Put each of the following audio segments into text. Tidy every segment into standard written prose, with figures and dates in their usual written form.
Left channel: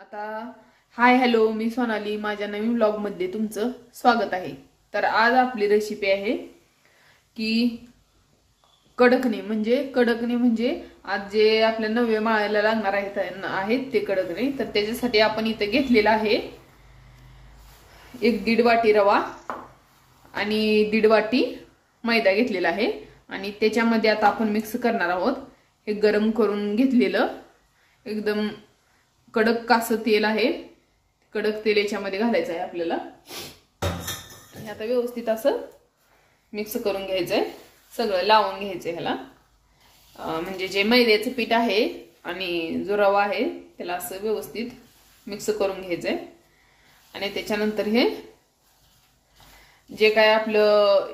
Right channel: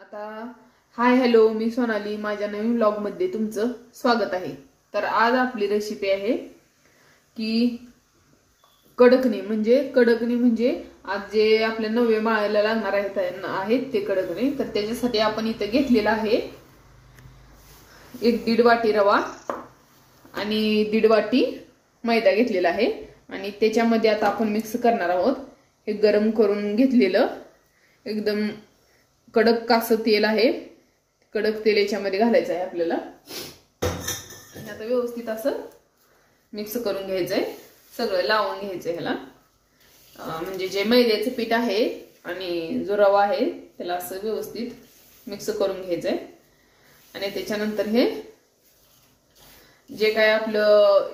आता hi hello, मी सोनाली. माझ्या नवीन vlog मध्ये तुमचं स्वागत आहे. तर आज आपली रेसिपी आहे की कडकणे म्हणजे आज जे आपल्या नवे माळायला लागणार आहेत ते कडकणे. तर त्याच्यासाठी आपण इथे घेतलेला आहे 1-1.5 वाटी रवा आणि 1.5 वाटी मैदा घेतलेला आहे. आणि त्याच्यामध्ये आता आपण मिक्स करणार आहोत हे गरम करून घेतलेलं एकदम कडक कासं तेल आहे. कडक तेल याच्यामध्ये घालायचं आहे आपल्याला. आता व्यवस्थित असं मिक्स करून घ्यायचंय, सगळं लावून घ्यायचंय ह्याला. म्हणजे जे मैद्याचं पीठ आहे आणि जो रवा आहे त्याला असं व्यवस्थित मिक्स करून घ्यायचंय. आणि त्याच्यानंतर हे जे काय आपलं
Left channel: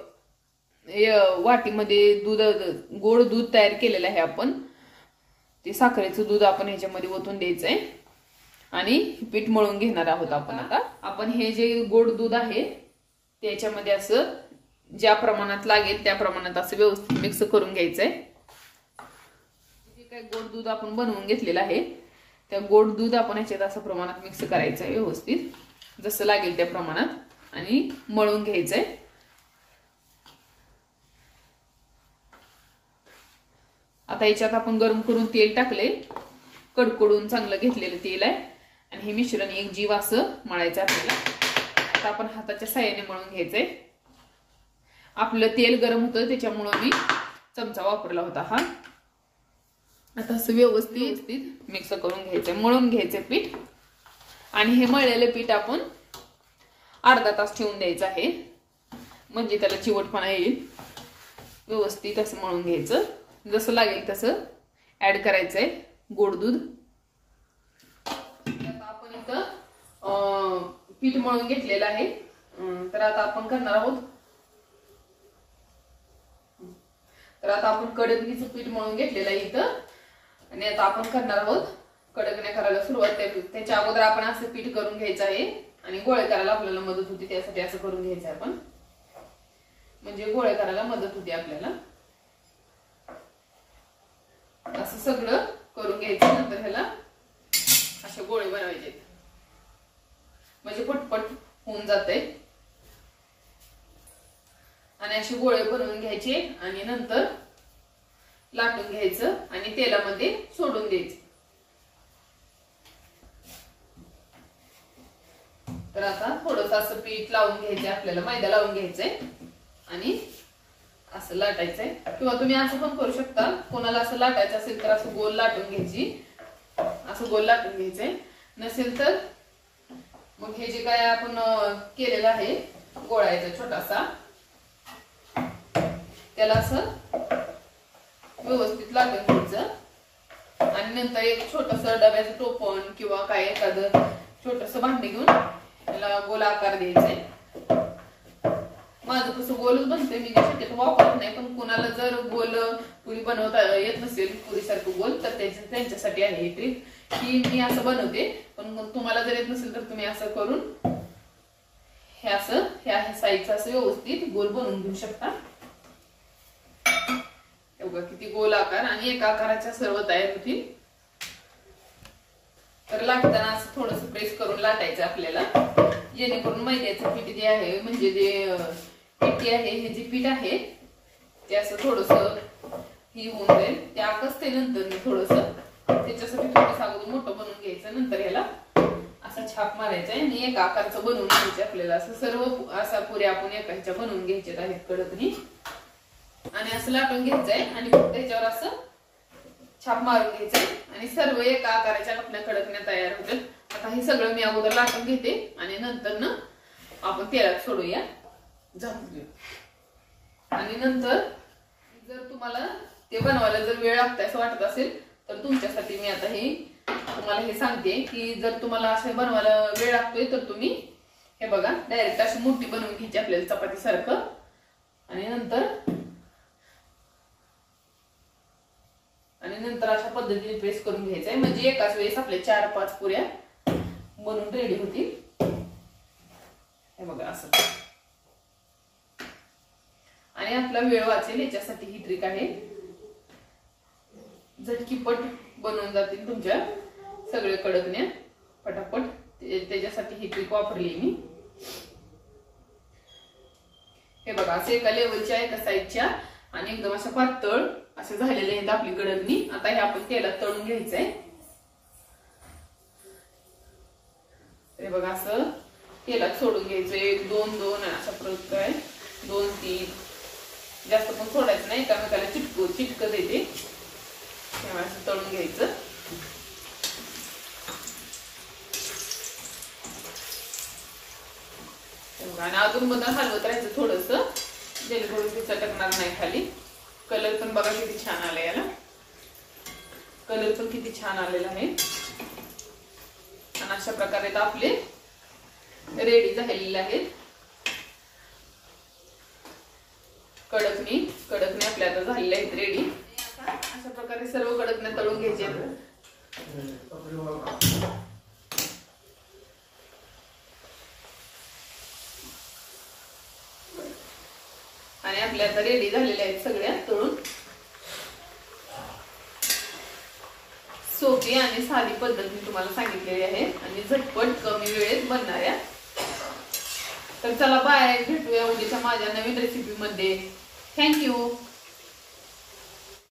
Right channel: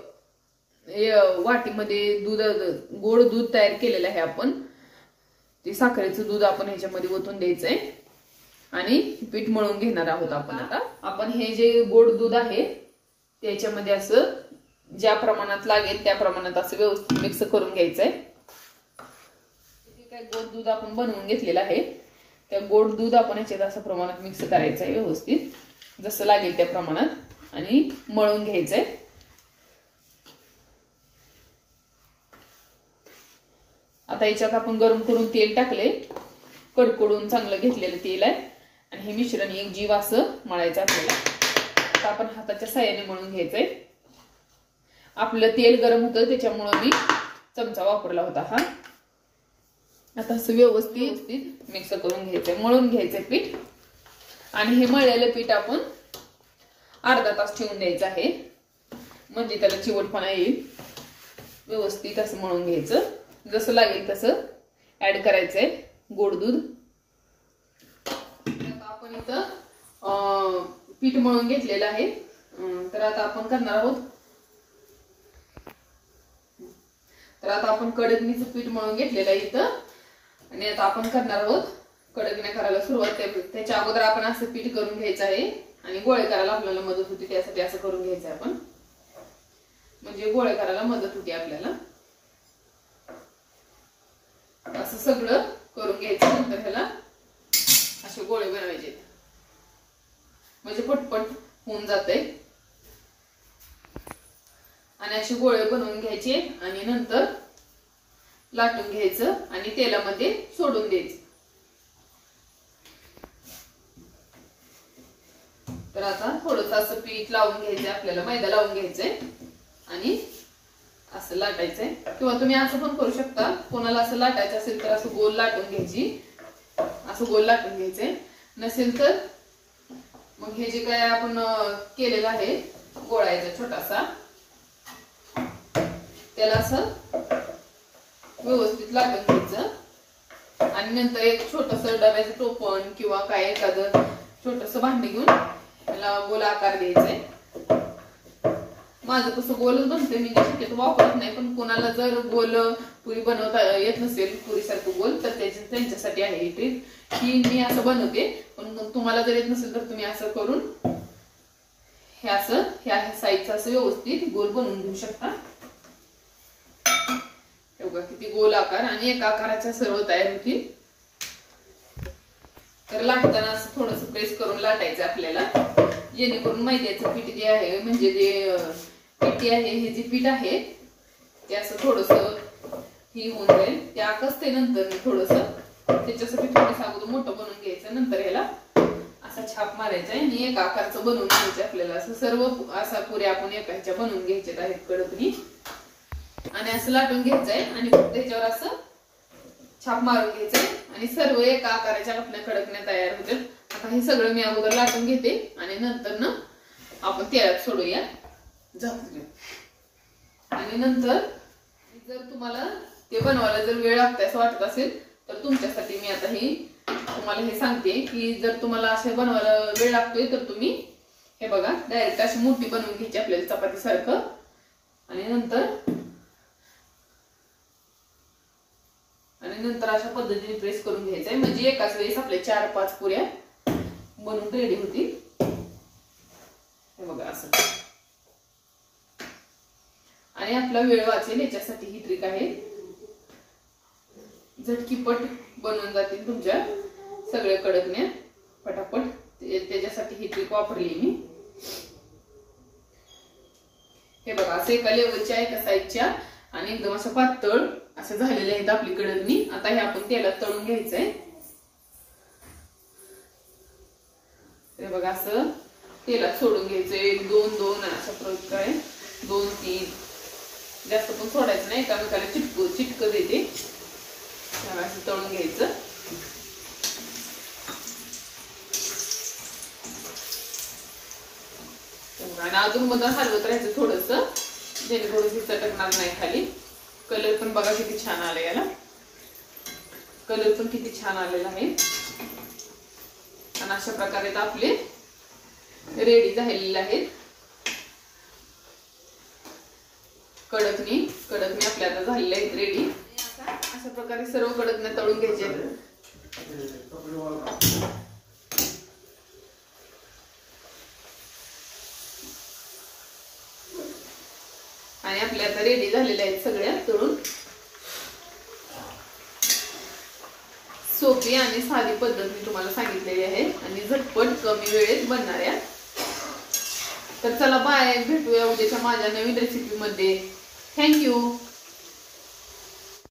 वाटीमध्ये गोड दूध तयार केलेलं आहे आपण, ते साखरेचं दूध आपण ह्याच्यामध्ये ओतून द्यायचंय आणि पीठ मळून घेणार आहोत आपण. आता आपण हे जे गोड दूध आहे त्याच्यामध्ये असं ज्या प्रमाणात लागेल त्या प्रमाणात असं व्यवस्थित मिक्स करून घ्यायचंय. जे काय गोड दूध आपण बनवून घेतलेलं आहे त्या गोड दूध आपण ह्याच्यात असं प्रमाणात मिक्स करायचंय व्यवस्थित, जसं लागेल त्या प्रमाणात, आणि मळून घ्यायचंय. आता याच्यात आपण गरम करून तेल टाकले, कडकडून चांगलं घेतलेलं तेल आहे. आणि हे मिश्रण एक जीव असं मळायचं आपल्याला. आता आपण हाताच्या साहाय्याने मळून घ्यायचंय. आपलं तेल गरम होतं त्याच्यामुळे मी चमचा वापरला होता हा. आता असं व्यवस्थित मिक्स करून घ्यायचंय, मळून घ्यायचंय पीठ. आणि हे मळलेलं पीठ आपण अर्धा तास ठेवून द्यायचं आहे, म्हणजे त्याला चिवटपणा येईल. व्यवस्थित असं मळून घ्यायचं, जसं लागेल तसं ऍड करायचंय गोड दूध. आपण इथं पीठ मळून घेतलेलं आहे. तर आता आपण करणार आहोत, कडकणीचं पीठ मळून घेतलेलं आहे इथं. आणि आता आपण करणार आहोत कडकण्या करायला सुरुवात. त्याच्या अगोदर आपण असं पीठ करून घ्यायचं आहे आणि गोळे करायला आपल्याला मदत होती, त्यासाठी असं करून घ्यायचं आपण, म्हणजे गोळे करायला मदत होती आपल्याला. असं सगळं करून घ्यायचं. नंतर ह्याला असे गोळे बनवायचे, म्हणजे पटपट होऊन जाते. आणि असे गोळे बनवून घ्यायचे आणि नंतर लाटून घ्यायचं आणि तेलामध्ये सोडून द्यायचं. तर आता थोडंसं असं पीठ लावून घ्यायचंय आपल्याला, मैदा लावून घ्यायचंय आणि असं लाटायचंय. किंवा तुम्ही असं पण करू शकता, कोणाला असं लाटायचं असेल तर असं गोल लाटून घ्यायची, असं गोल लाटून घ्यायचंय. नसेल तर मग हे जे काय आपण केलेलं आहे गोळायचा छोटासा, त्याला असं व्यवस्थित लाटून घ्यायचं. आणि नंतर एक छोटस डब्याचं टोपण किंवा काय एखादं छोटस भांडे घेऊन त्याला गोल आकार द्यायचंय. माझं कसं गोलच बनतंय, मी शक्यतो वापरत नाही. पण कोणाला जर गोल पुरी बनवता येत नसेल, पुरीसारखं गोल, तर त्यांच्यासाठी आहे ही ट्रिक. ही मी असं बनवते, पण तुम्हाला जर येत नसेल तर तुम्ही असं करून हे असं ह्या साईजचं असं व्यवस्थित गोल बनवून घेऊ शकता. बघा किती गोल आकार, आणि एका आकाराच्या सर्व तयार होती. तर लाटताना असं थोडस प्रेस करून लाटायचं आपल्याला, जेणेकरून मैद्याचं पीठ जे आहे, म्हणजे जे पिठी आहे, हे जे पीठ आहे ते असं थोडस ही होऊन जाईल. ते आकसते नंतर मी थोडस, त्याच्यासाठी थोडस अगोदर मोठं बनवून घ्यायचं. नंतर ह्याला असा छाप मारायचा आहे आणि एका आकारचं बनवून घ्यायचं आपल्याला. असं सर्व असा पुऱ्या आपण एका ह्याच्या बनवून घ्यायच्या आहेत कडकणी. आणि असं लाटून घ्यायचंय आणि त्याच्यावर असं छाप मारून घ्यायचंय आणि सर्व एका आकाराच्या आपल्या कडकण्या तयार होतात. आता हे सगळं मी अगोदर लाटून घेते आणि नंतर ना आपण तेलात सोडूया झाकून. आणि नंतर जर तुम्हाला ते बनवायला जर वेळ लागतोय असं वाटत असेल तर तुमच्यासाठी मी आता तुम्हाला हे सांगते की जर तुम्हाला असं बनवायला वेळ लागतोय तर तुम्ही हे बघा डायरेक्ट अशी मोठी बनवून घ्यायची आपल्याला चपाती सारखं. आणि नंतर अशा पद्धतीने प्रेस करून घ्यायचंय, म्हणजे एकाच वेळेस आपल्या 4-5 पुऱ्या बनवून रेडी होतील. हे बघा असं. आणि आपला वेळ वाचेल याच्यासाठी ही ट्रिक आहे. झटकीपट बनवून जातील तुमच्या सगळे कडकण्या. पटापट, त्याच्यासाठी ही ट्रिक वापरली मी. हे बघा असे एका लेवलच्या एका साईजच्या आणि एकदम अशा पातळ असे झालेले आहेत आपली कडकणी. आता हे आपण तेलात तळून घ्यायचंय. हे बघा असं तेलात सोडून घ्यायचं. 1 2 2 अशा प्रकारे 2 3, जास्त पण सोडायचं नाही, एकामेकाला चिटकत येते. असं तळून घ्यायचं. आणि अजून मधून हलवत राहायचं थोडस, जेणेकरून ती चटकणार नाही खाली. कलर पण बघा किती छान आला, याला कलर पण किती छान आलेला आहे. आणि अशा प्रकारे आपले रेडी झालेले आहेत. कडकणी आपल्या आता झालेल्या आहेत रेडी. अशा प्रकारे सर्व कडकण्या तळून घ्यायचे. आणि आपल्या आता रेडी झालेल्या आहेत सगळ्या तळून. सोपी आणि साधी पद्धत मी तुम्हाला सांगितलेली आहे आणि झटपट कमी वेळेत बनणाऱ्या. तर चला बाय, भेटूया उद्याच्या माझ्या नवीन रेसिपी मध्ये. थँक्यू.